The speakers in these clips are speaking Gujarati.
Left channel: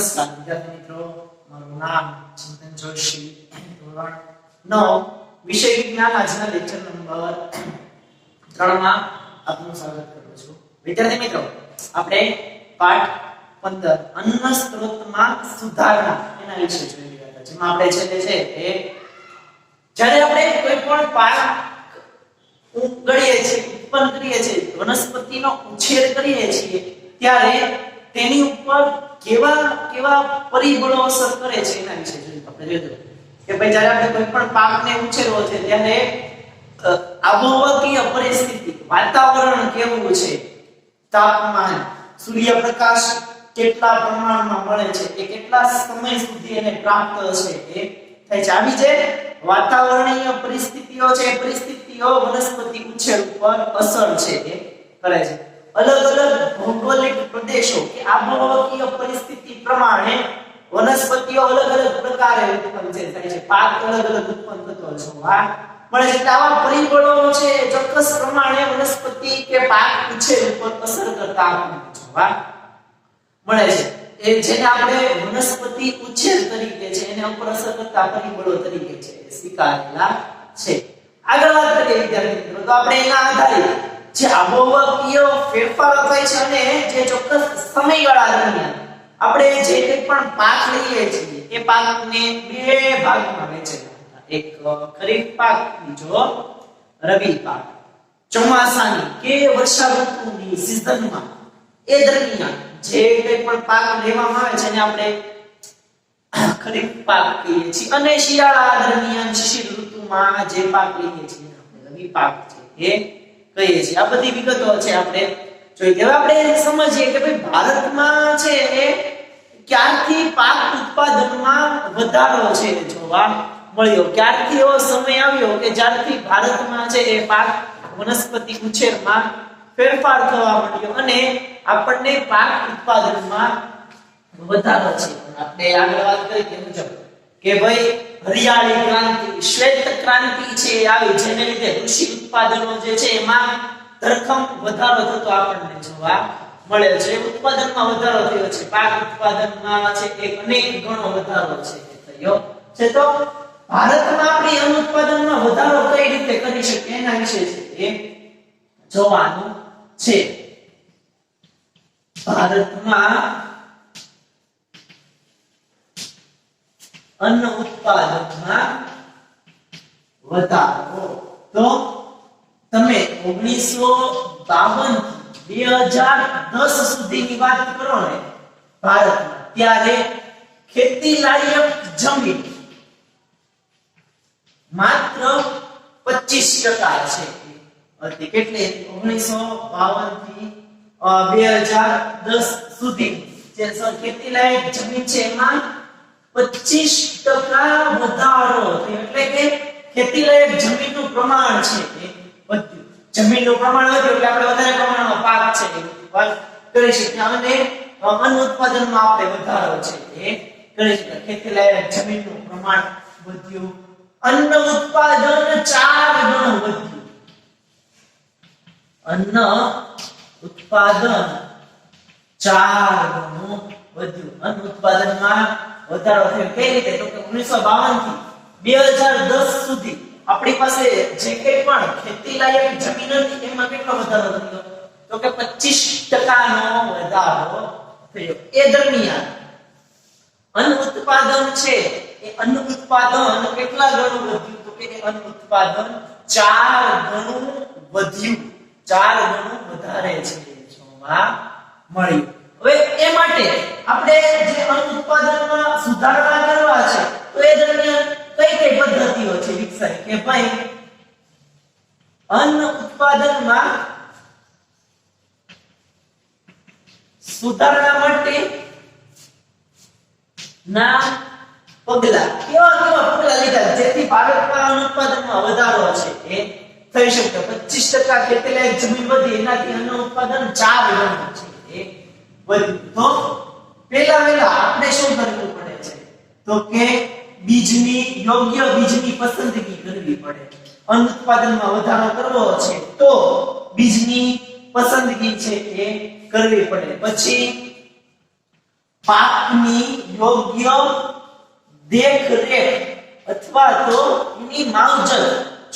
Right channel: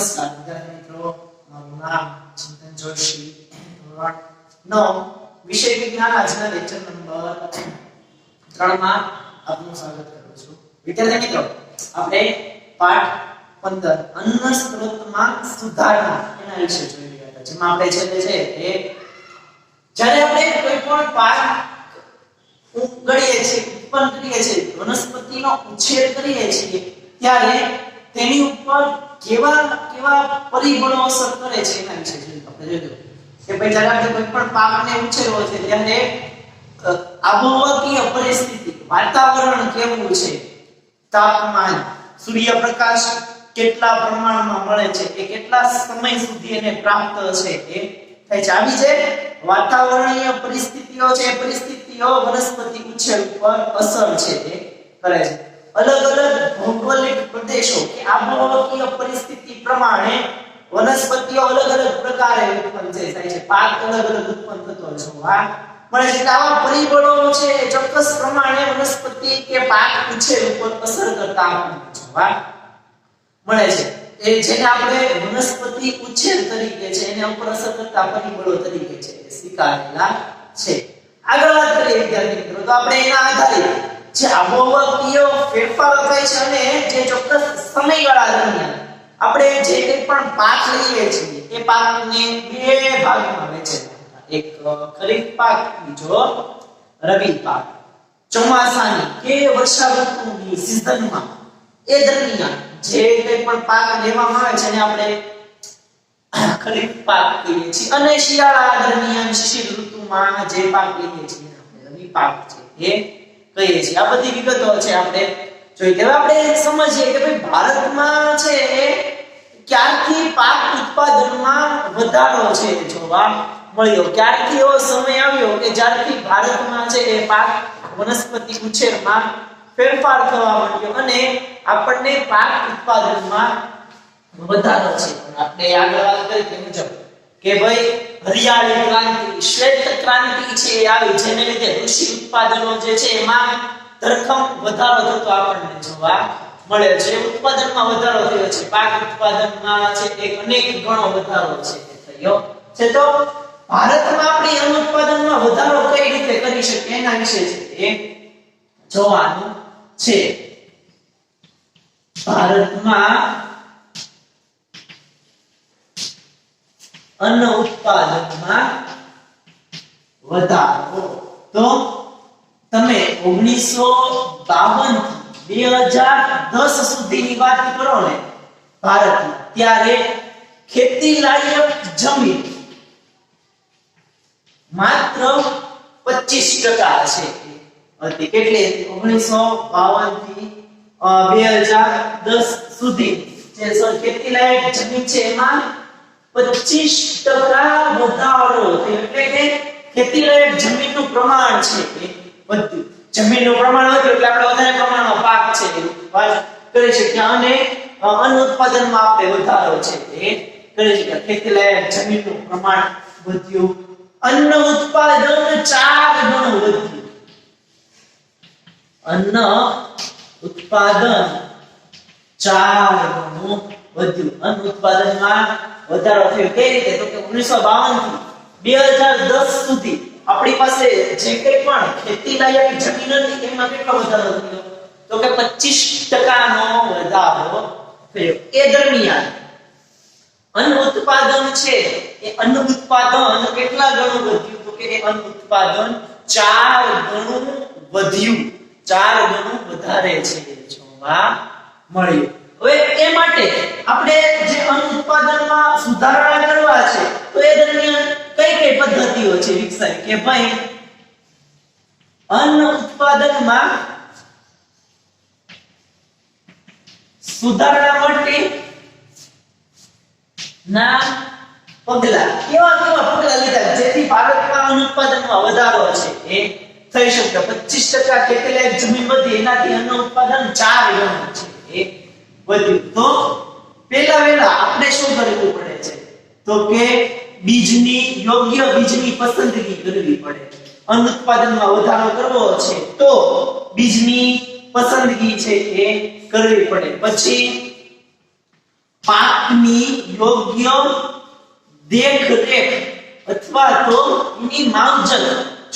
નમસ્કાર વિદ્યાર્થી મિત્રો, મારું નામ ચિંતન જોશી, ધોરણ 9 વિષય વિજ્ઞાન. આજના લેક્ચર નંબર 3 માં આપનું સ્વાગત કરું છું. વિદ્યાર્થી મિત્રો, આપણે પાઠ 15 અન્ન સ્ત્રોતમાં સુધારણા એના વિશે જોઈ રહ્યા હતા, જેમાં આપણે છેલ્લે છે તે જ્યારે આપણે કોઈ પણ પાક ઉગાડીએ છીએ, ઉત્પન્ન કરીએ છીએ, વનસ્પતિનો ઉછેર કરીએ છીએ, ત્યારે તેની ઉપર કેવા પરિબળો અસર કરે છે એના વિશે આપણે જોઈશું કે ભાઈ જ્યારે આપણે કોઈ પણ પાકને ઉછેરવો છે ત્યારે આબોહવાકીય પરિસ્થિતિ, વાતાવરણ કેવું છે, તાપમાન, સૂર્યપ્રકાશ કેટલા પ્રમાણમાં મળે છે, એ કેટલા સમય સુધી એને પ્રાપ્ત છે એ થાય છે. આવી જે વાતાવરણીય પરિસ્થિતિઓ છે, એ પરિસ્થિતિઓ વનસ્પતિ ઉછેર ઉપર અસર છે એ કરે છે. અલગ અલગ ભૌગોલિક પ્રદેશો કે આબોહવાકીય પરિસ્થિતિ પ્રમાણે વનસ્પતિઓ અલગ અલગ પ્રકારે ઉત્પન્ન થાય છે, પાક અલગ અલગ ઉત્પન્ન થતો જોવા મળે છે. આવા પરિબળો છે એ ચોક્કસ પ્રમાણે વનસ્પતિ કે પાક ઉછેર ઉપર અસર કરતા જોવા મળે છે. એ જેને આપણે વનસ્પતિ ઉછેર તરીકે છે એને ઉપર અસર કરતા પરિબળો તરીકે છે એ સ્વીકારેલા છે. આગળ વાત કરીએ વિદ્યાર્થી મિત્રો, તો આપણે એના આધારે જે આબોહવાકીય ફેરફારો થાય છે અને જે ચોક્કસ સમયગાળા દરમિયાન આપણે જે કંઈ પણ પાક લઈએ છીએ એ પાકને બે ભાગમાં વહેંચેલા, એક ખરીફ પાક, બીજો રવિ પાક. ચોમાસાની કે વર્ષા ઋતુની સિઝનમાં એ દરમિયાન જે કંઈ પણ પાક લેવામાં આવે છે એને આપણે ખરીફ પાક કહીએ છીએ, અને શિયાળા દરમિયાન શિશિર ઋતુમાં જે પાક લઈએ છીએ એને આપણે રવિ પાક છે એ કહીએ છીએ. આ બધી વિગતો છે આપણે જોઈએ. હવે આપણે સમજીએ કે ભાઈ ભારતમાં છે એ ક્યારથી પાક ઉત્પાદનમાં વધારો છે જોવા મળ્યો, ક્યારથી એવો સમય આવ્યો કે જ્યારથી ભારતમાં છે એ પાક વનસ્પતિ ઉછેરમાં ફેરફાર થવા માંડ્યો અને આપણને પાક ઉત્પાદનમાં વધારો છે. આપણે આગળ વાત કરી તે મુજબ કે ભાઈ હરિયાળી ક્રાંતિ, શ્વેત ક્રાંતિ છે એ આવી, જેને લીધે કૃષિ ઉત્પાદનો જે છે એમાં ધરખમ વધારો થતો આપણને જોવા મળે છે. ઉત્પાદનમાં વધારો થયો છે, પાક ઉત્પાદનમાં છે એક અનેક ગણો વધારો છે થયો છે. તો ભારતમાં આપણે અન્ન ઉત્પાદનમાં વધારો કઈ રીતે કરી શકીએ એના વિશે છે એ જોવાનું છે. ભારતમાં અન્ન ઉત્પાદનમાં વધારો, તો તમે 1952 થી 2010 સુધીની વાત કરો ને ભારતમાં, ત્યારે ખેતી લાયક જમીન માત્ર 25% છે હતી. કેટલી? 1952 થી 2010 સુધી જે ખેતી લાયક જમીન છે એમાં 25% વધારો થયો, એટલે કે ખેતી લાયક જમીનનું પ્રમાણ છે એ વધ્યું. જમીનનું પ્રમાણ વધ્યું એટલે આપણે વધારે પ્રમાણમાં પાક છે એ કરી શકીએ અને અન્ન ઉત્પાદનમાં આપણે વધારો છે એ કરી શકીએ. ખેતી લાયક જમીનનું પ્રમાણ વધ્યું, અન્ન ઉત્પાદન 4 ગણું વધ્યું. અન્ન ઉત્પાદન 4 ગણું વધ્યું. અન્ન ઉત્પાદનમાં વધારો થયો. કઈ રીતે? તો કે 1952 થી 2010 સુધી આપણી પાસે જે કંઈ પણ ખેતી લાયક જમીન હતી એમાં કેટલો વધારો થયો? તો કે 25% નો વધારો થયો. એ દરમિયાન અન્ન ઉત્પાદન છે એ અન્ન ઉત્પાદન કેટલા ગણું વધ્યું? તો કે એ અન્ન ઉત્પાદન 4 ગણું વધ્યું, 4 ગણું વધારે છે જોવા મળ્યું. હવે એ માટે આપણે જે અન્ન ઉત્પાદનમાં સુધારણા કરવા છે તો એ દરમિયાન કઈ પદ્ધતિઓ છે વિકસાય કે ભાઈ અન્ન ઉત્પાદનમાં સુધારણા માટે ના પગલા, કેવા પગલા લીધા જેથી ભારતમાં અન્ન ઉત્પાદનમાં વધારો છે એ થઈ શકે? 25% ખેતી લાયક જમીન વધી, એનાથી અન્ન ઉત્પાદન 4 ગણું છે એ વધ્યું. તો પહેલા આપણે શું કરવું પડે છે? તો કે યોગ્ય બીજની પસંદગી કરવી પડે. અન્ન ઉત્પાદનમાં વધારો કરવો છે તો બીજની પસંદગી છે એ કરવી પડે. પછી પાકની યોગ્ય દેખરેખ અથવા તો એની માવજત,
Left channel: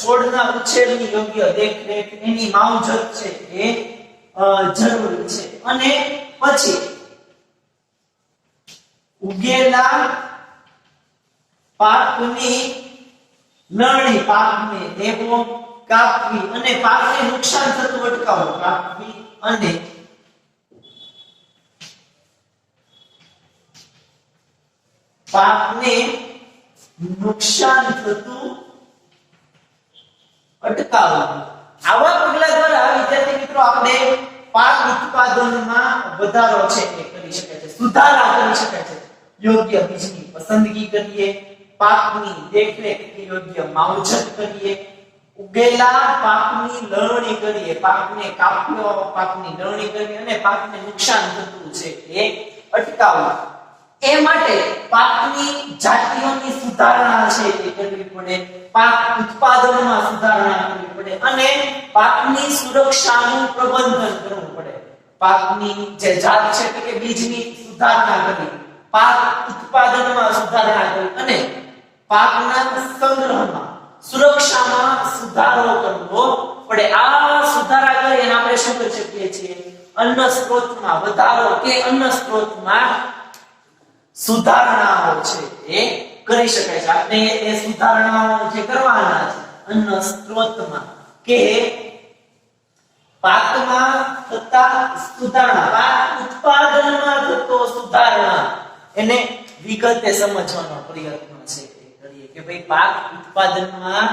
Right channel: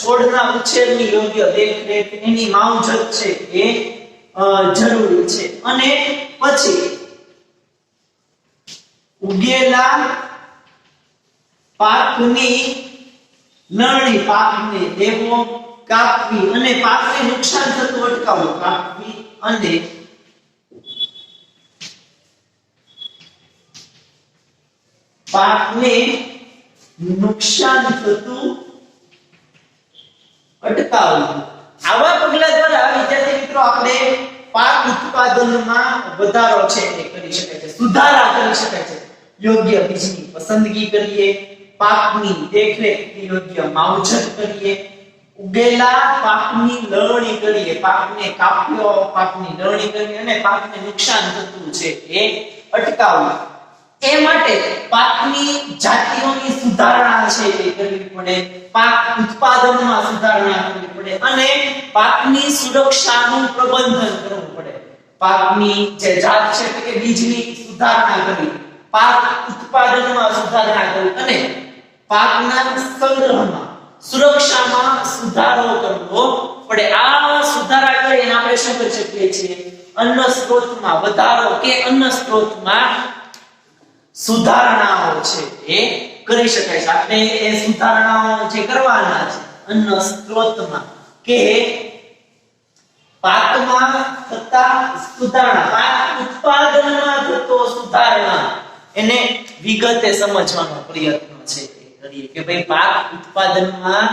છોડના ઉછેરની યોગ્ય દેખરેખ, એની માવજત છે એ જરૂરી છે. અને પછી ઉગેલા પાકની લણણી, પાકને લેવો, કાપવી અને પાકને નુકસાન થતું અટકાવવું. કાપવી અને પાકને નુકસાન થતું અટકાવવું. આવા પગલા દ્વારા વિદ્યાર્થી મિત્રો આપણે પાક ઉત્પાદનમાં વધારો છે એ કરી શકાય છે, સુધારા કરી શકાય છે. યોગ્ય બીજની પસંદગી કરીએ, પાકની દેખરેખની યોગ્ય માવજત કરીએ, ઉગેલા પાકની લણણી કરીએ, પાકને કાપ્યો, પાકની લણણી કરીએ અને પાકને નુકસાન થતું છે એ અટકાવવું. એ માટે પાકની જાતિઓની સુધારણા છે એ કરવી પડે, પાક ઉત્પાદનમાં સુધારણા કરવી પડે અને પાકની સુરક્ષાનું પ્રબંધન કરવું પડે. પાકની જે જાત છે કે બીજની સુધારણા કરવી, પાક ઉત્પાદનમાં સુધારણા કરવી અને પાકના સંગ્રહમાં, સુરક્ષામાં સુધારો કરવો પડે. આ સુધારા કરીને આપણે શું કરી શકીએ છીએ? અન્ન સ્ત્રોતમાં વધારો કે અન્ન સ્ત્રોતમાં સુધારણાઓ છે એ કરી શકાય છે. આપણે એ સુધારણાઓ જે કરવાના છે અન્ન સ્ત્રોતમાં કે પાકમાં થતા સુધારણા, પાક ઉત્પાદનમાં થતો સુધારણા, એને વિગતે સમજવાનો પ્રયત્ન છે કરીએ કે ભાઈ પાક ઉત્પાદનમાં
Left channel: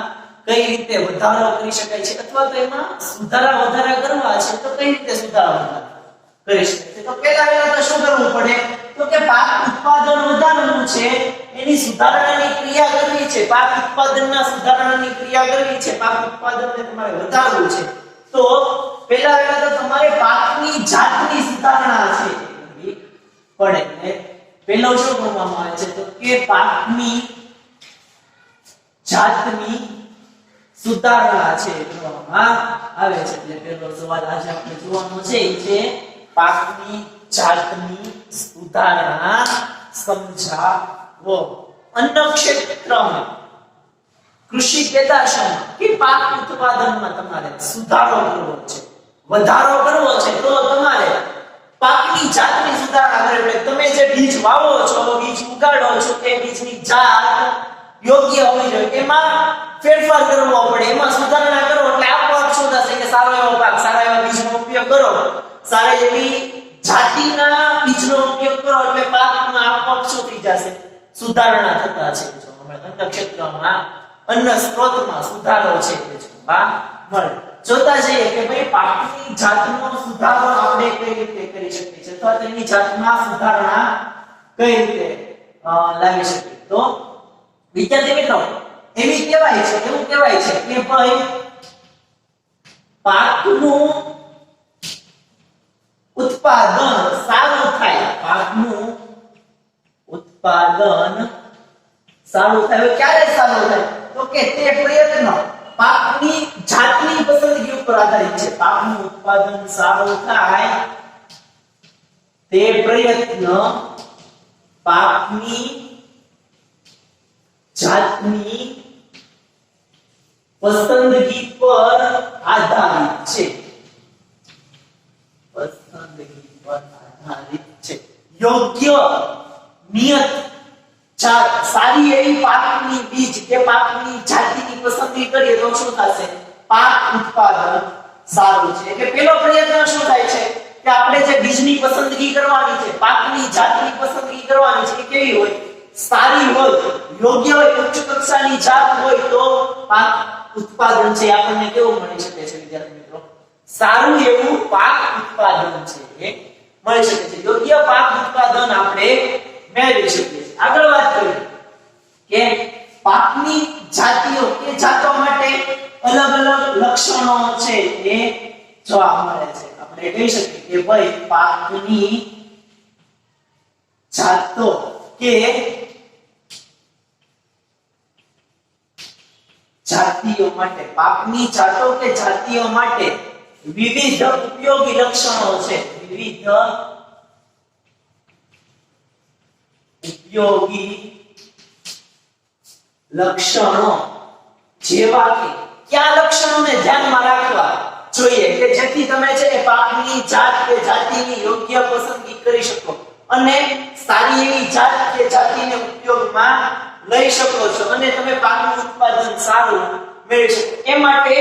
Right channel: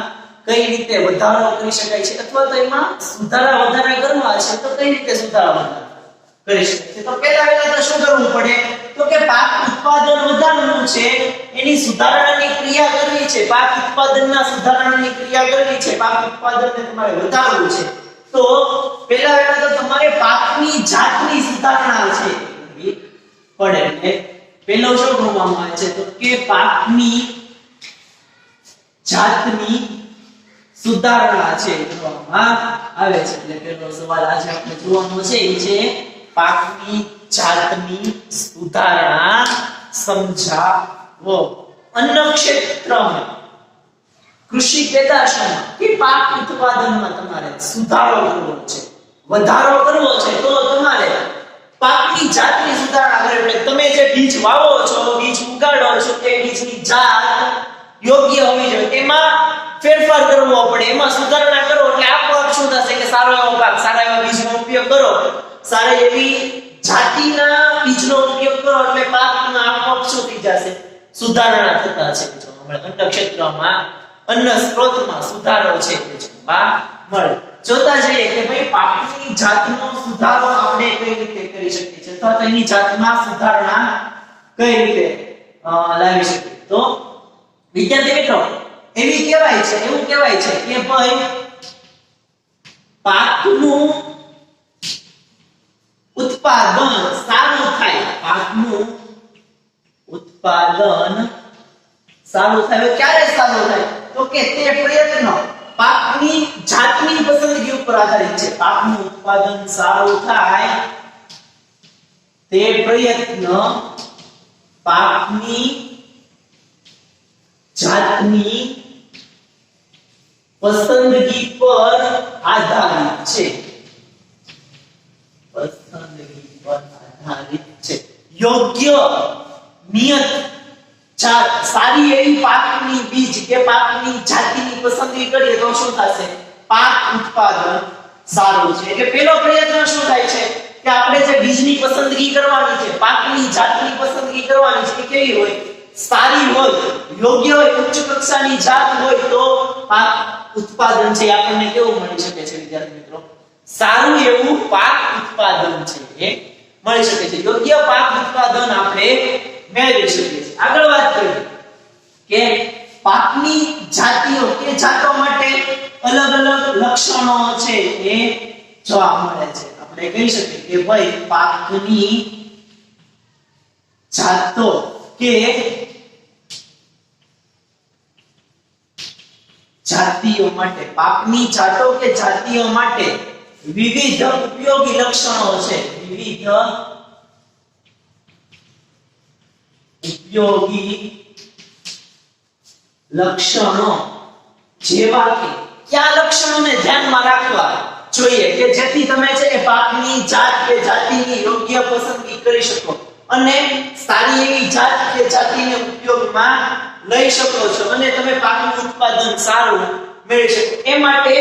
કઈ રીતે વધારો કરી શકાય છે અથવા તો એમાં સુધારા વધારા કરવા છે તો કઈ રીતે સુધારા વધારા કરી શકાય છે. તો પહેલા તો શું કરવું પડે? તો કે પાક ઉત્પાદન વધારવું છે, એની સુધારણાની ક્રિયા કરવી છે, પાક ઉત્પાદનના સુધારણાની ક્રિયા કરવી છે, પાક ઉત્પાદનને તમારે વધારવું છે. તો પહેલા તો તમારે પાકની જાતની સુધારણા છે કરવી પડે. એટલે પહેલો શું કરવામાં આવે છે? તો કે પાકની જાતની સુધારણા છે કરવામાં આવે છે. એટલે પહેલો સવાલ આજે આપણે જોવાનો છે એ છે પાકની જાતની સુધારણા સમજાવો. અન્ન ક્ષેત્રમાં, કૃષિ પેદાશોમાં કે પાક ઉત્પાદનમાં તમારે સુધારો કરવો છે, વધારો કરવો છે તો તમારે પાકની જાતની સુધારણા કરવી પડે. તમે જે બીજ વાવો છો, બીજ ઉગાડો છો, તે બીજની જાત યોગ્ય હોવી જોઈએ, એમાં ફેરફાર કરવો પડે, એમાં સુધારણા કરો એટલે આપોઆપ શું થશે કે સારો એવો પાક, સારા એવા બીજનો ઉપયોગ કરો, સારી એવી જાતિના બીજનો ઉપયોગ કરો એટલે પાકમાં આપોઆપ શું થઈ જશે? સુધારણા થતા છે. અન્ન ક્ષેત્રમાં, અન્ન સ્ત્રોતમાં સુધારો છે તે જોવા મળે. જોતા જઈએ કે ભાઈ પાકની જાતનો સુધારો આપણે કઈ રીતે કરી શકીએ છીએ અથવા તો એની જાતમાં સુધારણા કઈ રીતે લાવી શકીએ. તો વિદ્યાર્થી મિત્રો એવું કહેવાય છે કે ભાઈ પાકનું ઉત્પાદન સારું થાય, પાકનું ઉત્પાદન સારું થાય. ક્યારે સારું થાય? તો કે તે પ્રયત્ન પાકની જાતની પસંદગી ઉપર આધારિત છે. પાકનું ઉત્પાદન સારું થાય તે પ્રયત્ન પાકની જાતની પસંદગી પર આધારિત છે. પસંદગી પર આધારિત છે. યોગ્ય નિયત જાત, સારી એવી પાકની બીજ કે પાકની જાતિની પસંદગી કરીએ તો શું થશે? પાક ઉત્પાદન સારું છે. એટલે પહેલો પ્રયત્ન શું થાય છે કે આપણે જે બીજની પસંદગી કરવાની છે, પાકની જાતની પસંદગી કરવાની છે, એ કેવી હોય? સારી હોય, યોગ્ય હોય, ઉચ્ચ કક્ષાની જાત હોય તો પાક ઉત્પાદન છે આપણને કેવું મળી શકે છે વિદ્યાર્થી મિત્રો? સારું એવું પાક ઉત્પાદન છે એ મળી શકે છે. યોગ્ય પાક ઉત્પાદન આપણે મેળવી શકીએ છીએ. આગળ વાત કરીએ કે પાકની જાતિઓ કે જાતો માટે અલગ અલગ લક્ષણો છે એ જોવા મળે છે. આપણે કહી શકીએ કે ભાઈ પાકની જાતો કે જાતિઓ માટે, પાકની જાતો કે જાતિઓ માટે વિવિધ ઉપયોગી લક્ષણો છે. વિવિધ ઉપયોગી લક્ષણો જેવા કે કયા લક્ષણોને ધ્યાનમાં રાખવા જોઈએ કે જેથી તમે છે એ પાકની જાત કે જાતિની યોગ્ય પસંદગી કરી શકો અને સારી એવી જાત કે જાતિને ઉપયોગમાં લઈ શકો છો અને તમે પાકનું ઉત્પાદન સારું મેળવી શકો એ માટે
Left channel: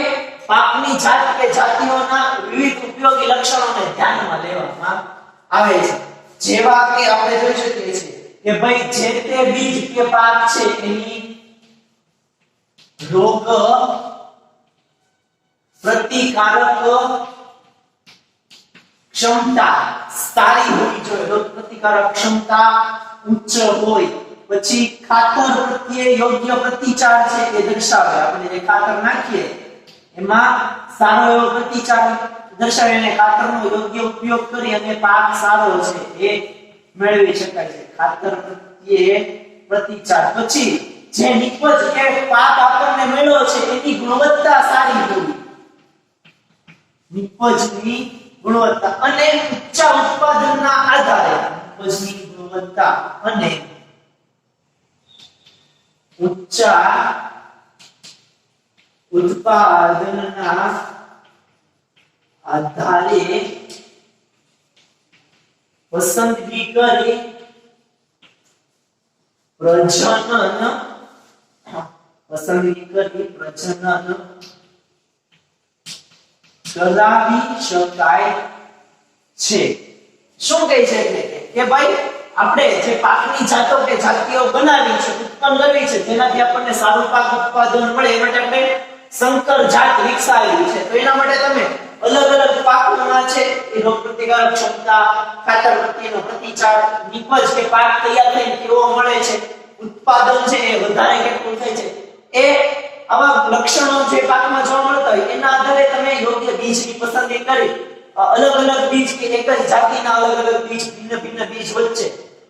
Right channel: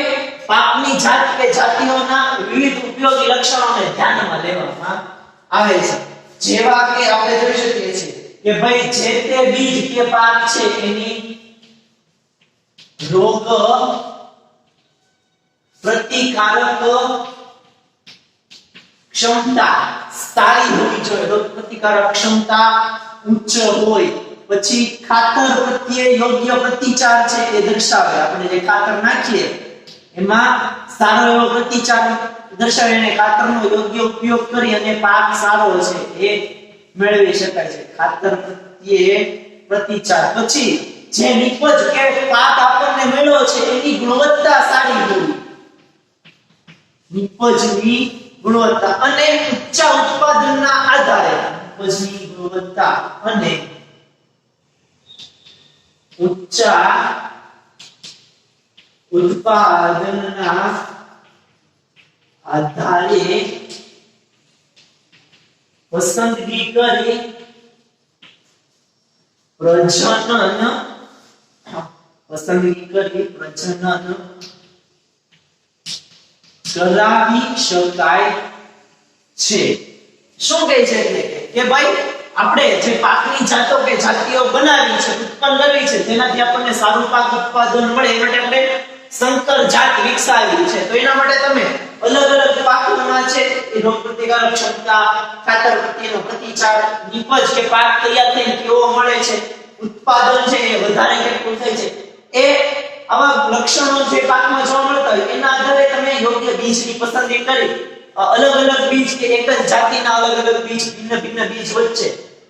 પાકની જાત કે જાતિઓના વિવિધ ઉપયોગી લક્ષણોને ધ્યાનમાં લેવામાં આવે છે જેવા કે આપણે જોઈ શકીએ છીએ કે ભાઈ જે તે બીજ કે પાક છે એની રોગ પ્રતિકારક ક્ષમતા સારી હોવી જોઈએ રોગ પ્રતિકારક ક્ષમતા ઉચ્ચ હોય પછી ખાતર પ્રત્યે યોગ્ય પ્રતિચાર છે એ દર્શાવે આપણે જે ખાતર નાખીએ એમાં સારો એવો પ્રતિચાર દર્શાવે અને ખાતરનો યોગ્ય ઉપયોગ કરી અને પાક સારો છે એ મેળવી શકાય છે ખાતર પ્રત્યે પ્રતિચાર પછી જે નિપજ કે પાક આપણને મળ્યો છે એની ગુણવત્તા સારી હોવી નિપજની ગુણવત્તા અને ઊંચા ઉત્પાદનના આધારે નિપજની ગુણવત્તા અને ઊંચા ઉત્પાદનના આધારે પસંદગી કરી પ્રજનન કરાવી શકાય છે શું કહે છે કે ભાઈ આપણે જે પાકની જાતો કે જાતિઓ બનાવી છે ઉત્પન્ન કરવી છે જેનાથી આપણને સારું પાક ઉત્પાદન મળે એ માટે આપણે સંકર જાત વિકસાવી છે તો એના માટે તમે અલગ અલગ પાકોમાં છે એ રોગ પ્રતિકારક ક્ષમતા ખાતર પ્રત્યેનો પ્રતિચાર નિપજ કે પાક તૈયાર થઈને કેવો મળે છે ઉત્પાદન છે એ વધારે કેટલું થાય છે એ આવા લક્ષણો જે પાકમાં જોવા મળતા હોય એના આધારે તમે યોગ્ય બીજની પસંદગી કરી અલગ અલગ બીજ કે એક જ જાતિના અલગ અલગ બીજ ભિન્ન ભિન્ન બીજ વચ્ચે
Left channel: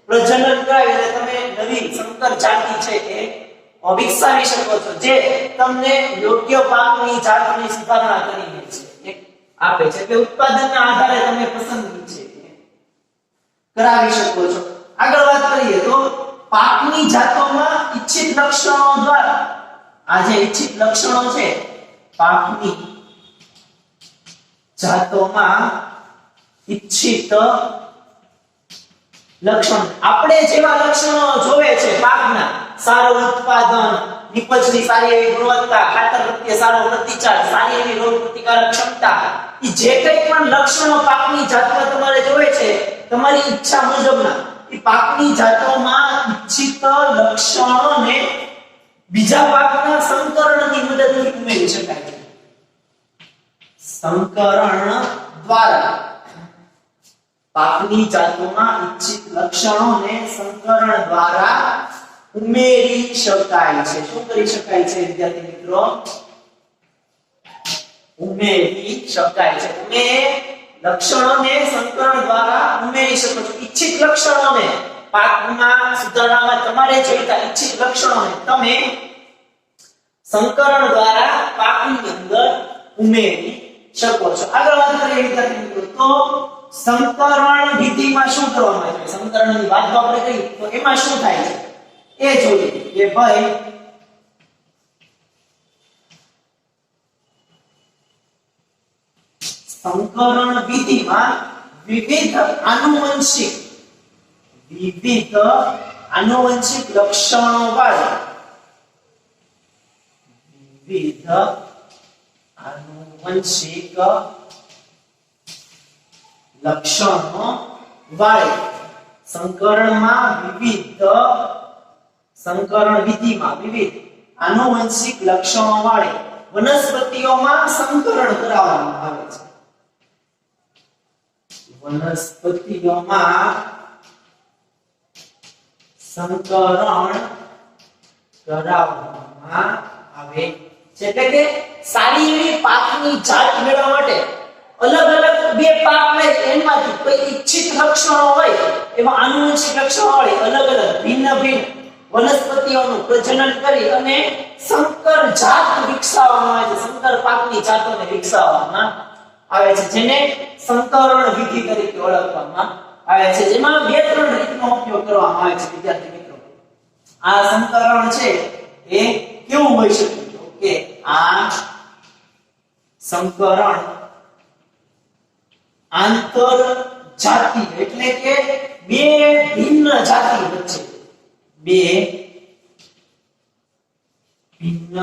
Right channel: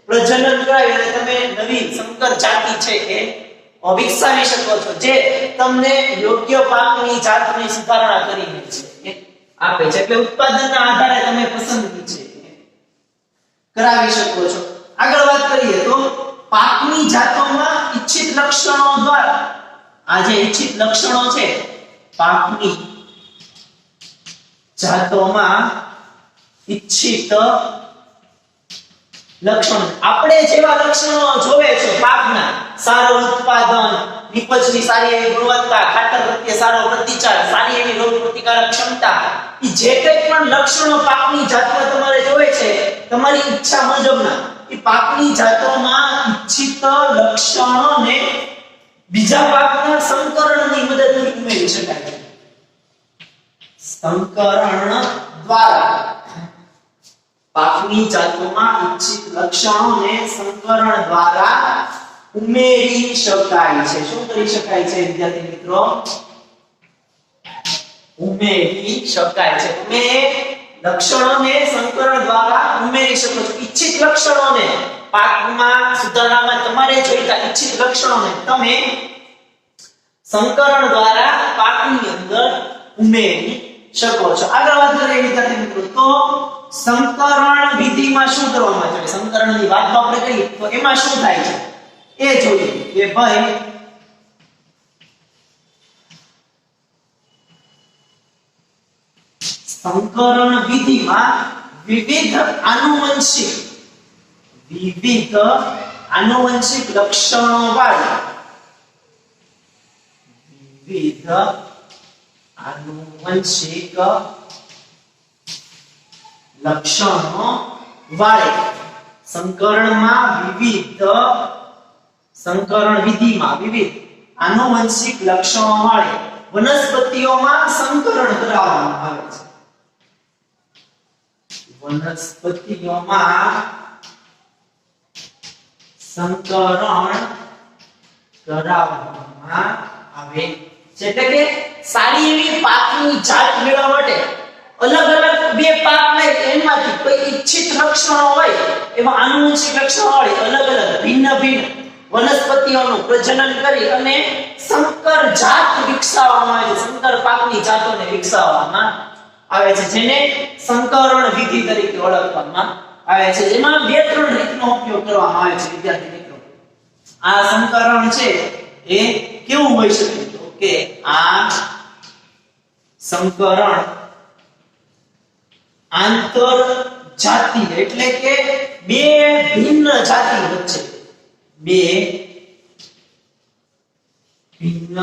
પ્રજનન કરાવી અને તમે નવી સંકર જાતિ છે એ વિકસાવી શકો છો જે તમને યોગ્ય પાકની જાતની સુધારણા કરીને છે આપે છે એટલે ઉત્પાદનના આધારે તમે પસંદગી છે કરાવી શકો છો આગળ વાત કરીએ તો પાકની જાતોમાં ઈચ્છિત લક્ષણો દ્વારા આ જે ઈચ્છિત લક્ષણો છે પાકની જાતોમાં ઈચ્છિત લક્ષણ આપણે જેવા લક્ષણો જોવે છે પાકના સારું ઉત્પાદન નિપજની સારી એવી ગુણવત્તા ખાતર પ્રત્યે સારો પ્રતિચાર સારી એવી રોગ પ્રતિકારક ક્ષમતા એ જે કંઈ પણ લક્ષણો પાકની જાતમાં તમારે જોવે છે તમારી ઈચ્છા મુજબના એ પાકની જાતોમાં ઈચ્છિત લક્ષણોને બીજા પાકના સંકરણની મદદથી ઉમેરી શકાય છે સંકરણ દ્વારા પાકની જાતોમાં ઈચ્છિત લક્ષણોને સંકરણ દ્વારા ઉમેરી શકાય છે શું કરી શકાય છે વિદ્યાર્થી મિત્રો ઉમેરી શકાય છે તમે લક્ષણોને સંકરણ દ્વારા ઉમેરી શકો છો ઈચ્છિત લક્ષણોને પાકમાં સુધારણામાં તમારે જોઈતા ઈચ્છિત લક્ષણોને તમે સંકરણ દ્વારા પાકની અંદર ઉમેરી શકો છો આગળ વાત કરીએ વિદ્યાર્થી મિત્રો તો સંકરણ વિધિમાં શું કરવામાં આવે છે સંકરણની વાત આપણે કરીએ તો એમાં શું થાય છે એ જોઈએ કે ભાઈ સંકરણ વિધિમાં વિવિધ આનુવંશિક લક્ષણો વાળા વિવિધ આનુવંશિક લક્ષણો વાળા સંકરણ વિધિમાં વિવિધ આનુવંશિક લક્ષણો વાળી વનસ્પતિઓમાં સંકરણ કરાવવામાં આવે છે વનસ્પતિઓમાં સંકરણ કરાવવામાં આવે છે એટલે કે સારી એવી પાકની જાત મેળવવા માટે અલગ અલગ બે પાક લઈ એમાંથી કોઈ ઈચ્છિત લક્ષણો હોય એમાં આનુવંશિક લક્ષણો હોય અલગ અલગ ભિન્ન વનસ્પતિઓનું પ્રજનન કરી અને સંકર જાત વિકસાવવામાં આવે છે સંકર પાકની જાતોને વિકસાવવામાં આવે છે જેને સંકરણ વિધિ તરીકે ઓળખવામાં આવે છે એમાં બે ત્રણ રીતનો ઉપયોગ કરવામાં આવે છે વિદ્યાર્થી મિત્રો આ સંકરણ છે એ કેવું હોઈ શકે? તો કે આ સંકરણ આંતર જાતીય એટલે કે બે ભિન્ન જાતિ વચ્ચે બે ભિન્ન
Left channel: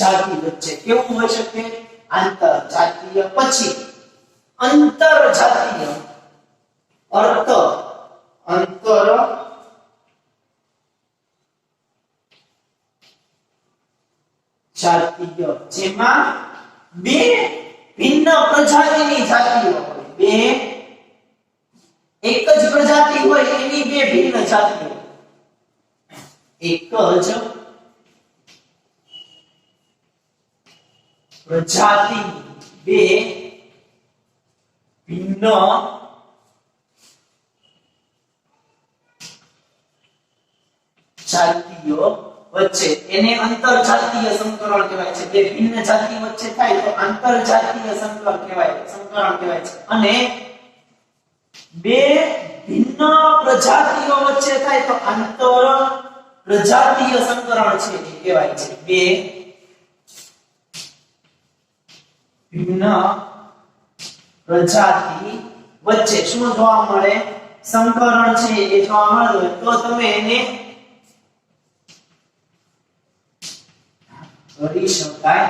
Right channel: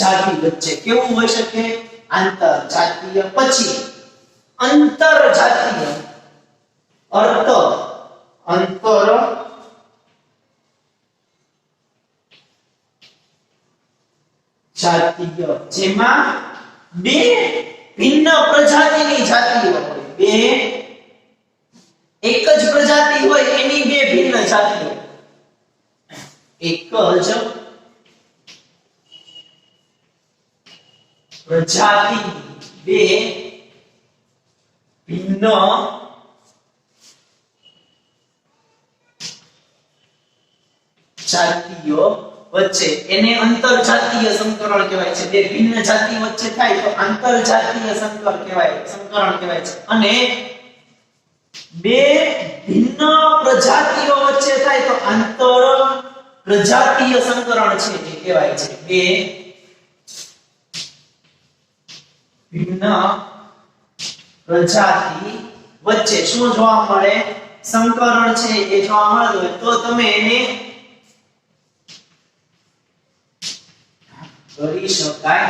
જાતિ વચ્ચે કેવું હોઈ શકે? આંતર જાતીય. પછી અંતર જાતીય અર્થ અંતર જાતીય જેમાં બે ભિન્ન પ્રજાતિની જાતિઓ હોય. બે એક જ પ્રજાતિ હોય એની બે ભિન્ન જાતિઓ. એક જ પ્રજાતિ બે ભિન્ન જાતિઓ વચ્ચે એને અંતરજાતીય સંકરણ કહેવાય છે. બે ભિન્ન જાતિ વચ્ચે થાય તો આંતરજાતીય સંકરણ કહેવાય છે. અને બે ભિન્ન પ્રજાતિઓ વચ્ચે થાય તો આંતર પ્રજાતીય સંકરણ છે એ કહેવાય છે. બે ભિન્ન પ્રજાતિ વચ્ચે શું જોવા મળે? સંકરણ છે એ જોવા મળે તો તમે એને કરી શકાય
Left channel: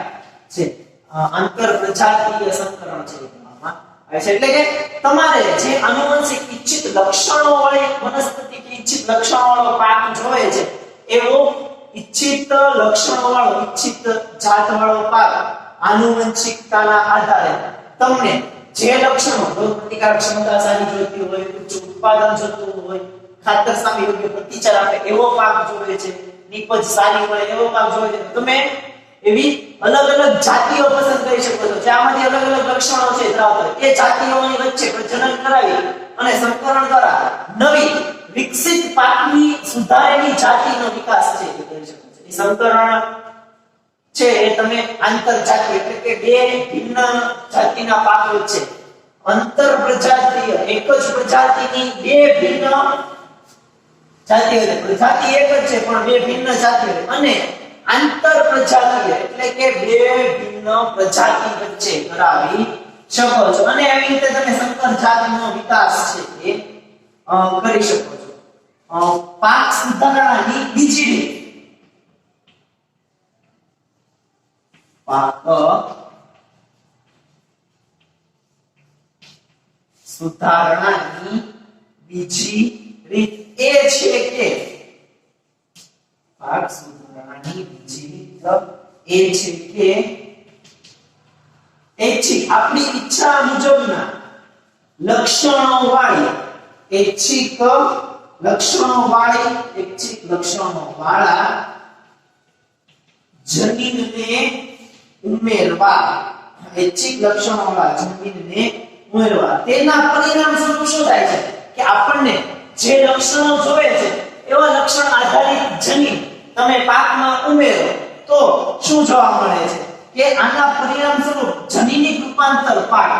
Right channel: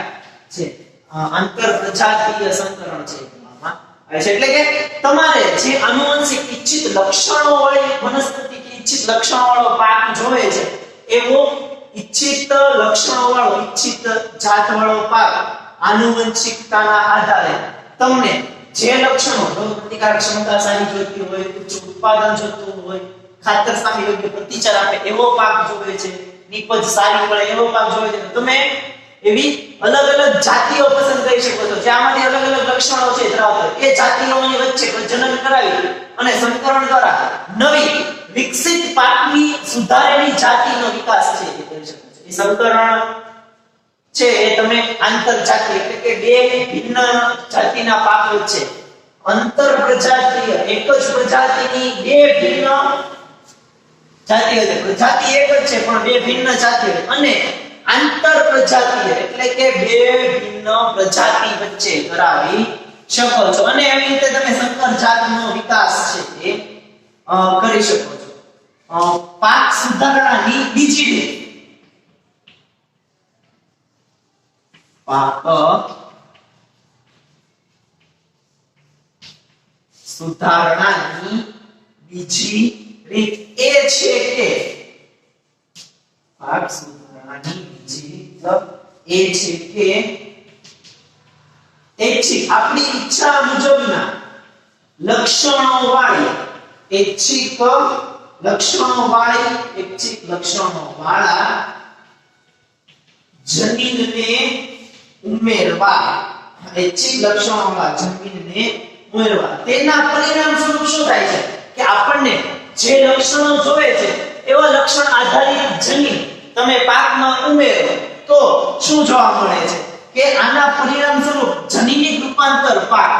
છે. આંતર પ્રજાતીય સંકરણ છે એટલે કે તમારે જે આનુવંશિક ઈચ્છિત લક્ષણો વાળી વનસ્પતિ કે ઈચ્છિત લક્ષણો વાળો પાક જોવે છે એવો ઈચ્છિત લક્ષણો વાળો ઈચ્છિત જાત વાળો પાક આનુવંશિકતાના આધારે તમને જે લક્ષણો રોગ પ્રતિકારક ક્ષમતા સારી જોઈતી હોય, ઉચ્ચ ઉત્પાદન જોઈતું હોય, ખાતર સામે યોગ્ય પ્રતિચાર આપે એવો પાક જોવે છે, નીપજ સારી મળે એવો પાક જોવે છે, તમે એવી અલગ અલગ જાતિઓ પસંદ કરી શકો છો. જેમાંથી અલગ અલગ લક્ષણો છે ધરાવતા એ જાતિઓની વચ્ચે પ્રજનન કરાવી અને સંકરણ દ્વારા નવી વિકસિત પાકની સુધારેલી જાતિનો વિકાસ છે એ કરી શકો છો. એ સંકરણ છે એ તમે આંતરજાતિ એટલે કે બે ભિન્ન જાતિના પાક વચ્ચે અંતર પ્રજાતીય એક જ પ્રજાતિની બે ભિન્ન જાતિઓ છે. પ્રજાતિ એક જ છે પણ બે ભિન્ન જાતિઓ. અને આંતર પ્રજાતીય એટલે કે બે ભિન્ન પ્રજાતિ વચ્ચે કરાવી શકો છો. અને એવી રીતે તમે સંકર જાતનો વિકાસ છે એ કરી શકો છો. પાક સુધારણાની બીજી રીત પાક સુધારણાની બીજી રીત એ છે કે પાક સુધારણાની બીજી રીત એ છે કે આપણી ઈચ્છા મુજબના લક્ષણો વાળી ઐચ્છિક લક્ષણો વાળા જનીનને ઉમેરવા ઐચ્છિક લક્ષણો વાળા જનીનને ઉમેરવા. તેના પરિણામ સ્વરૂપ શું થાય છે કે આપણને જે લક્ષણો જોવે છે એવા લક્ષણ આધારિત જનીન તમે પાકમાં ઉમેરો તો શું જોવા મળે છે કે આના પરિણામ સ્વરૂપ જનીનિક રૂપાંતર પાક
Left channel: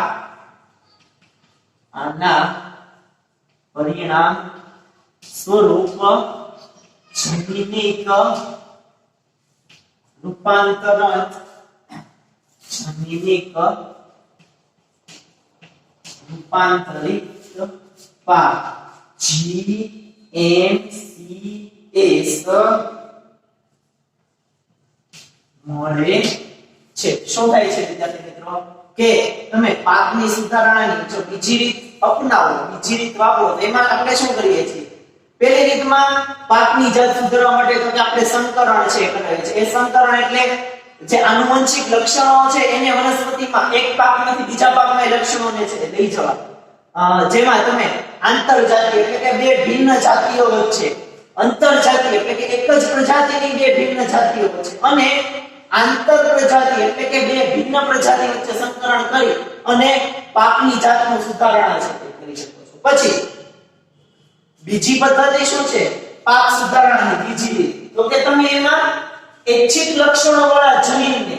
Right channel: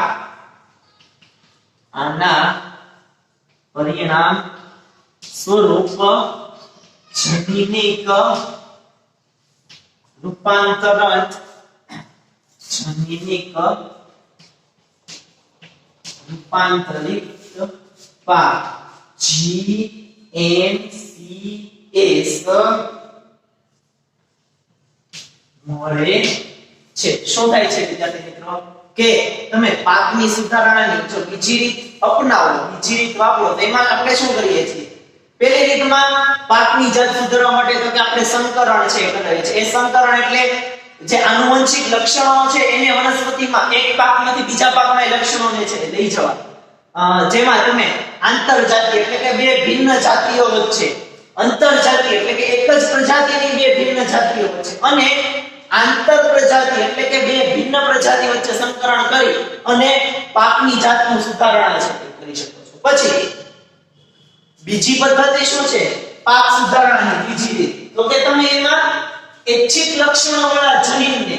આના પરિણામ સ્વરૂપ જનીનિક રૂપાંતરણ રૂપાંતરિત પાક GMCS મળે છે. શું થાય છે વિદ્યાર્થી મિત્રો કે તમે પાકની સુધારણાની જો બીજી રીત અપનાવો, બીજી રીત વાપરો તો એમાં આપણે શું કરીએ છીએ? પહેલી રીતમાં પાકની જાત સુધારવા માટે તો કે આપણે સંકરણ છે કરાવીએ છીએ. એ સંકરણ એટલે જે આનુવંશિક લક્ષણો છે એને વનસ્પતિમાં એક પાકમાંથી બીજા પાકમાં એ લક્ષણોને છે લઈ જવા. જેમાં તમે આંતરજાતિ એટલે કે બે ભિન્ન જાતિઓ વચ્ચે, અંતરજાતિ એટલે કે એક જ પ્રજાતિની બે ભિન્ન જાતિઓ વચ્ચે, અને આંતર પ્રજાતિ એટલે કે બે ભિન્ન પ્રજાતિ વચ્ચે સંકરણ કરી અને પાકની જાતનું સુધારણા છે તે કરી શકો છો. પછી બીજી પદ્ધતિ શું છે પાક સુધારણાની બીજી રીત? તો કે તમે એમાં ઐચ્છિક લક્ષણો વાળા જનીનને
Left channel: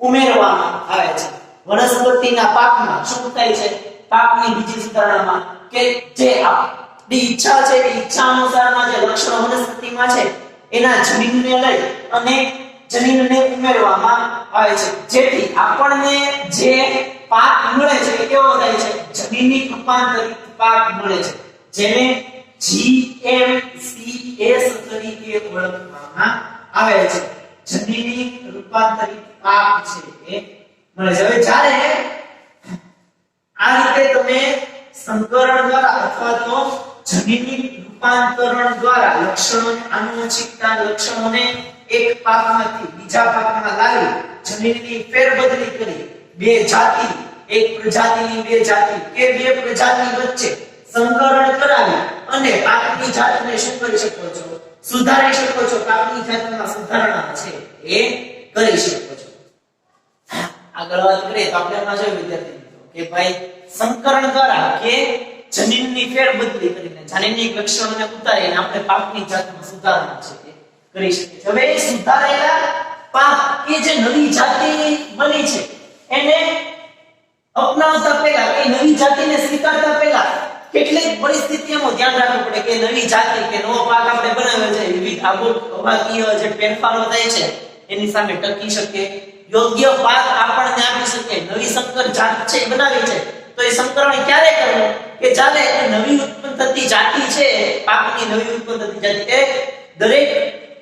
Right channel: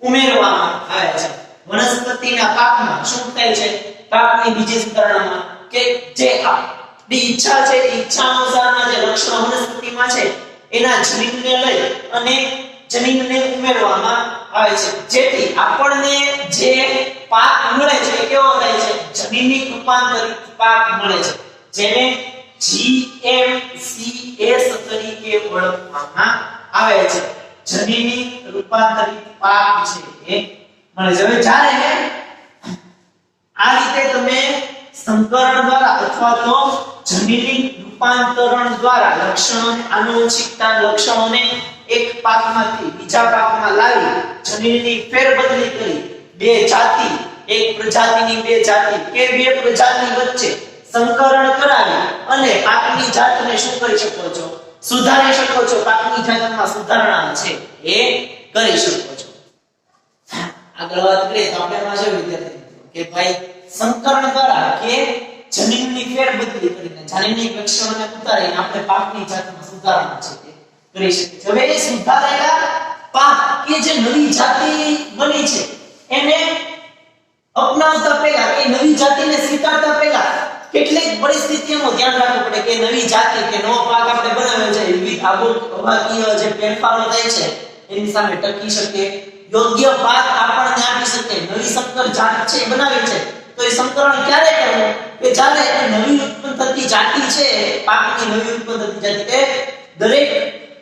ઉમેરવામાં આવે છે. વનસ્પતિના પાકમાં શું થાય છે પાકની બીજી સુધારણામાં કે જે આપણી ઈચ્છા છે એ ઈચ્છા અનુસારના જે લક્ષણો વનસ્પતિમાં છે એના જનીનને લઈ અને જનીનને ઉમેરવામાં આવે છે, જેથી આપણને જે પાક મળે છે એ કેવો થાય છે? જનીની રૂપાંતરિત પાક મળે છે, જેને GMCS તરીકે ઓળખવામાં આવે છે. જનીની રૂપાંતરિત પાક છે એ મળે છે. હવે જ્યારે આ રીતે તમે સંકરણ દ્વારા અથવા તો જનીની રૂપાંતરણ દ્વારા લક્ષણો અને આનુવંશિકતા લક્ષણોને એક પાકમાંથી બીજા પાકમાં લાવી જનીનની ફેરબદલી કરી બે જાતિ, એક પ્રજાતિની બે જાતિ કે બે પ્રજાતિ વચ્ચે સંકરણ કરાવી અને પાકની જાતને શું કરી શકો છો? સુધારી શકો છો. પાકની જાતમાં સુધારણા છે એ કરી શકો છો. આગળ વાત કરીએ તો આપણે એમાં જોઈએ વિદ્યાર્થી મિત્રો કે ભાઈ સંકરણ દ્વારા કે જનીનની ફેરબદલી કરીને જનીનની લક્ષણોને ઉતારીને આપણે પાકની જાતમાં સુધારણા છે એ કરી શકીએ છીએ. હવે સુધારેલા પાક કે જે નવી જાતિ બની છે એને અપનાવતા પહેલા કે નવી જાતિને સ્વીકારતા પહેલા કેટલીક પરિસ્થિતિઓનું ધ્યાન રાખવું પડે કે નવી જાતિ કે નવો પાક આપણે બનાવ્યો છે વિવિધ આબોહવાકીય જે ફેરફારો થાય છે એની સામે ટકી શકે, યોગ્ય પાક આપણને આપી શકે. નવી સંકર જાત છે બનાવી છે તો એ સંકરણ ક્યારે કરવું કે જ્યારે નવી ઉત્પન્ન થતી જાતિ છે, પાકની નવી ઉત્પન્ન થતી જાતિ એ દરેક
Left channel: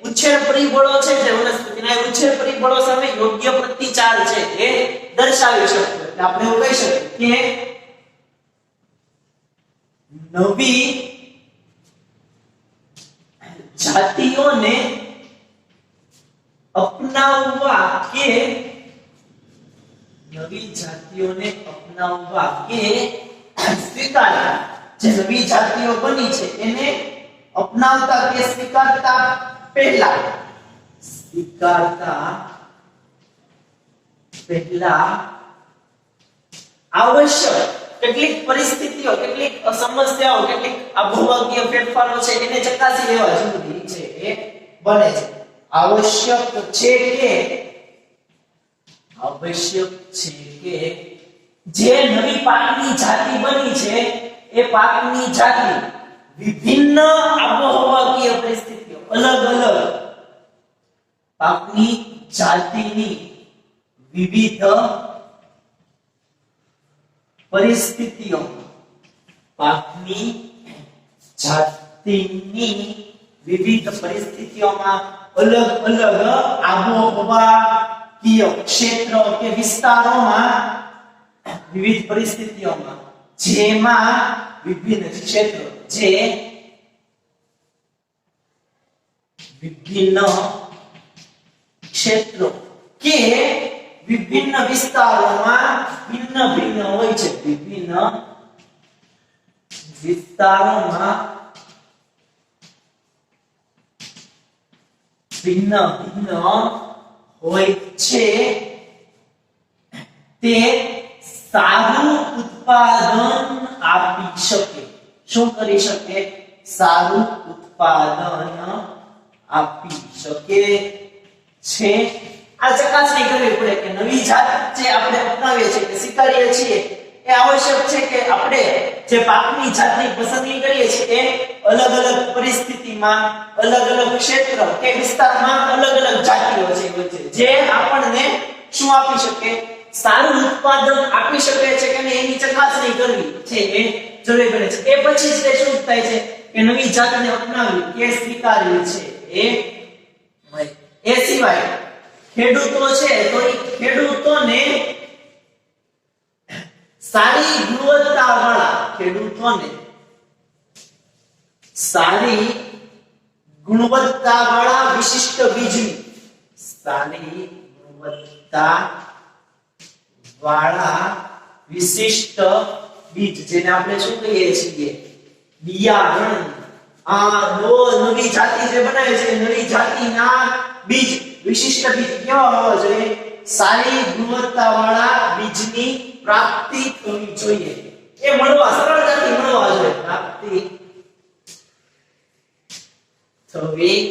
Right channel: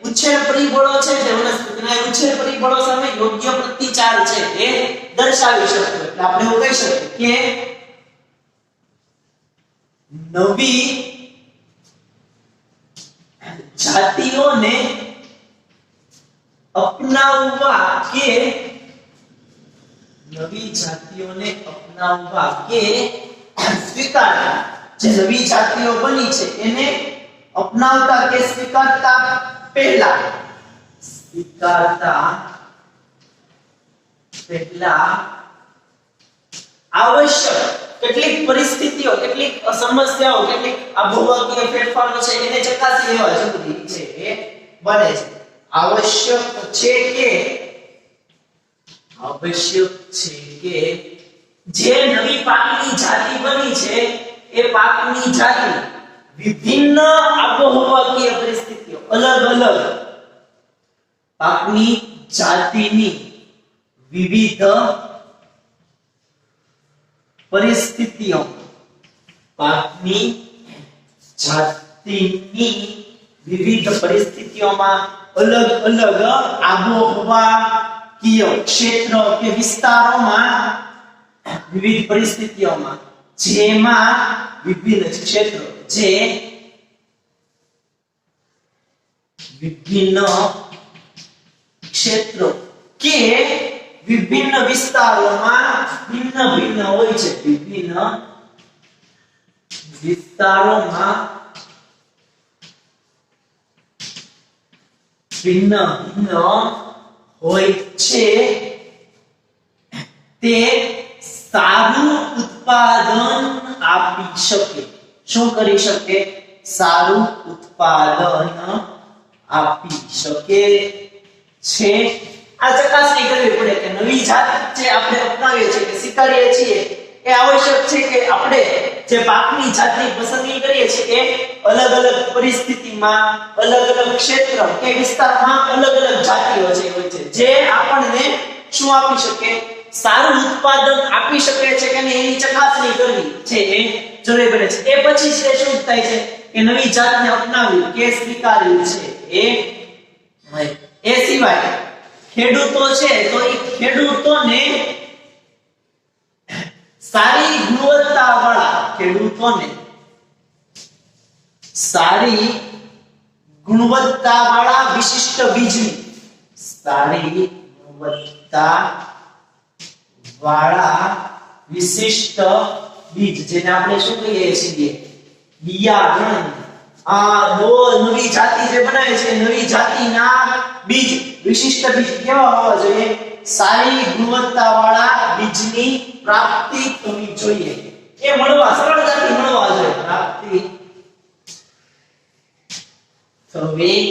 ઉછેર પરિબળો છે જે વનસ્પતિના ઉછેર પરિબળો સામે યોગ્ય પ્રતિચાર છે એ દર્શાવી શકે. એટલે આપણે એવું કહી શકીએ કે નવી જાતિઓને અપનાવવા કે સ્વીકારતા, જે નવી જાતિઓ બની છે એને અપનાવતા કે સ્વીકારતા પહેલા આવશ્યક કેટલીક પરિસ્થિતિઓ, કેટલીક સમસ્યાઓ, કેટલીક આબોહવાકીય ફેરફારો છે એને ચકાસી લેવા જરૂરી છે એ બને છે. આવશ્યક છે કે જે નવી પાકની જાતિ બની છે એ પાકની જાતિ વિભિન્ન આબોહવાકીય પરિસ્થિતિઓ, અલગ અલગ પાકની જાતિની વિવિધ પરિસ્થિતિઓ, પાકની જાતિની વિવિધ પરિસ્થિતિઓમાં અલગ અલગ આબોહવાકીય ક્ષેત્ર કે વિસ્તારોમાં વિવિધ પરિસ્થિતિઓમાં જેમાં વિભિન્ન ક્ષેત્રો જે વિભિન્ન ક્ષેત્રો કે વિભિન્ન વિસ્તારોમાં ભિન્ન ભિન્ન હોય છે. વિભિન્ન વિસ્તારોમાં ભિન્ન ભિન્ન હોય છે તે સારું ઉત્પાદન આપી શકે. શું કરી શકે? સારું ઉત્પાદન આપી શકે છે. આ ચકાસણી કરવી પડે કે નવી જાત જે આપણે અપનાવીએ છીએ કે સ્વીકારીએ છીએ એ આવશ્યક છે કે આપણે જે પાકની જાતની પસંદગી કરીએ છીએ એ અલગ અલગ પરિસ્થિતિમાં, અલગ અલગ ક્ષેત્ર કે વિસ્તારમાં અલગ અલગ જાતિઓ છે જે આપણને શું આપી શકે? સારું ઉત્પાદન આપી શકે છે કે નહીં એની ચકાસણી કરવી છે એ જરૂરી બને છે. એ પછી જે શું થાય છે કે નવી જાતને અપનાવી કે સ્વીકારવી છે એ સિવાય ખેડૂતો છે તો એ ખેડૂતોને સારી ગુણવત્તાવાળા વિશિષ્ટ બીજની, સારી ગુણવત્તાવાળા વિશિષ્ટ બીજ જેને આપણે શું કહીએ છીએ? બિયારણ. આ નવી જાતિ જે બનાવે છે નવી જાતિના બીજ, વિશિષ્ટ બીજ કેવા હોવા જોઈએ? સારી ગુણવત્તાવાળા બીજની પ્રાપ્તિ થવી જોઈએ. એ સરળતાથી મળવા જોઈએ. પ્રાપ્તિ થવી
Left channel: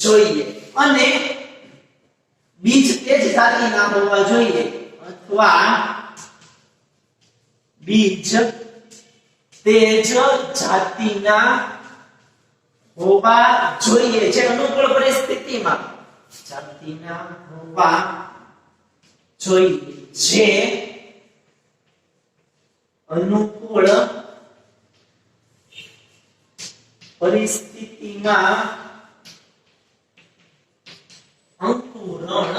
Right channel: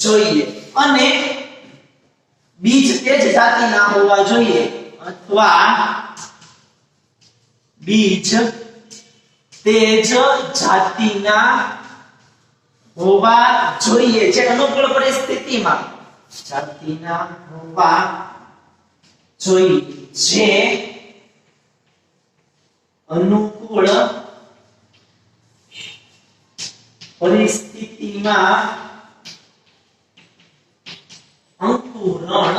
જોઈએ અને બીજ તે જ જાતિના હોવા જોઈએ અથવા બીજ તે જ જાતિના હોવા જોઈએ છે અનુકૂળ પરિસ્થિતિમાં જાતિના હોવા જોઈએ જે અનુકૂળ પરિસ્થિતિમાં અંકુરણ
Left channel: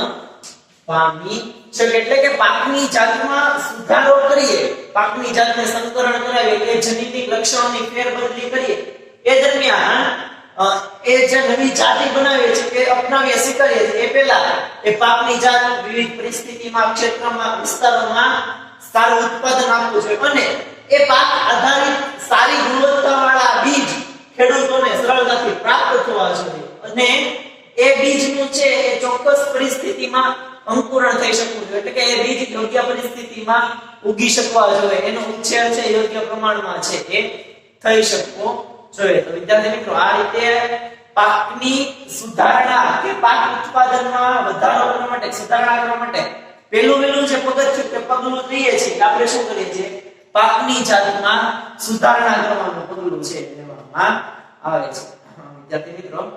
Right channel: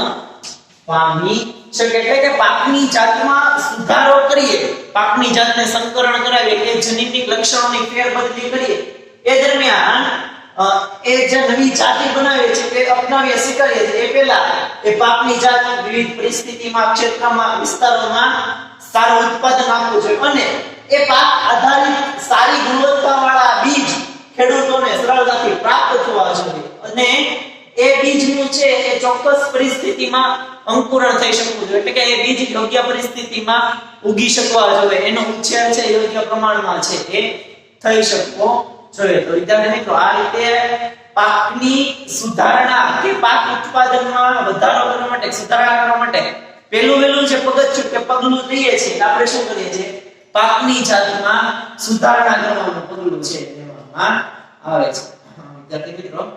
પામી શકે એટલે કે પાકની જાતમાં સુધારો કરીએ પાકની જાતને સંકરણ કરાવીએ કે જનીનિક લક્ષણોની ફેરબદલી કરીએ એ દરમિયાન એ જે નવી જાતિ બનાવે છે તે અપનાવીએ સ્વીકારીએ છે એ પહેલા એ પાકની જાત વિવિધ પરિસ્થિતિમાં ક્ષેત્રમાં વિસ્તારોમાં સારું ઉત્પાદન આપવું જોઈએ અને એ પાક આધારિત સારી ગુણવત્તાવાળા બીજ ખેડૂતોને સરળતાથી પ્રાપ્ત થવા જોઈએ અને એ બીજનું છે એ ચોક્કસ પરિસ્થિતિમાં અંકુરણ થઈ શકવું જોઈએ એટલે કે એ બીજ યોગ્ય પરિસ્થિતિમાં ઉગી શકવા જોઈએ એનો ઉછેર છે યોગ્ય પ્રમાણમાં છે એ થઈ શકવો જોઈએ તો વિદ્યાર્થી મિત્રો આ રીતે પાકની સુધારણા કે પાક ઉત્પાદનમાં વધારો કરવા માટે સુધારણા કરવા માટે પહેલું જે પગથિયું કે પગલું લઈએ છીએ આપણે શું કરીએ છીએ પાકની જાતમાં સુધારણા કરવાનું પગલું છે લેવામાં આવે છે વિદ્યાર્થી મિત્રો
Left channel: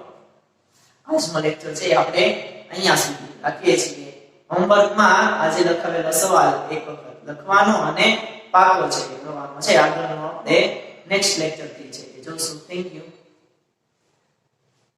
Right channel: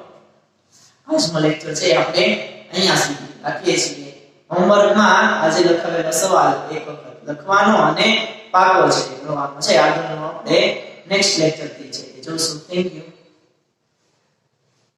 આજનો લેક્ચર છે આપણે અહીંયા સુધી રાખીએ છીએ હોમવર્કમાં આજે લખાવેલો સવાલ એક વખત લખવાનો અને પાકો છે કરવાનો છે આગળનો આપણે નેક્સ્ટ લેક્ચર થી છે જોશું થેન્ક યુ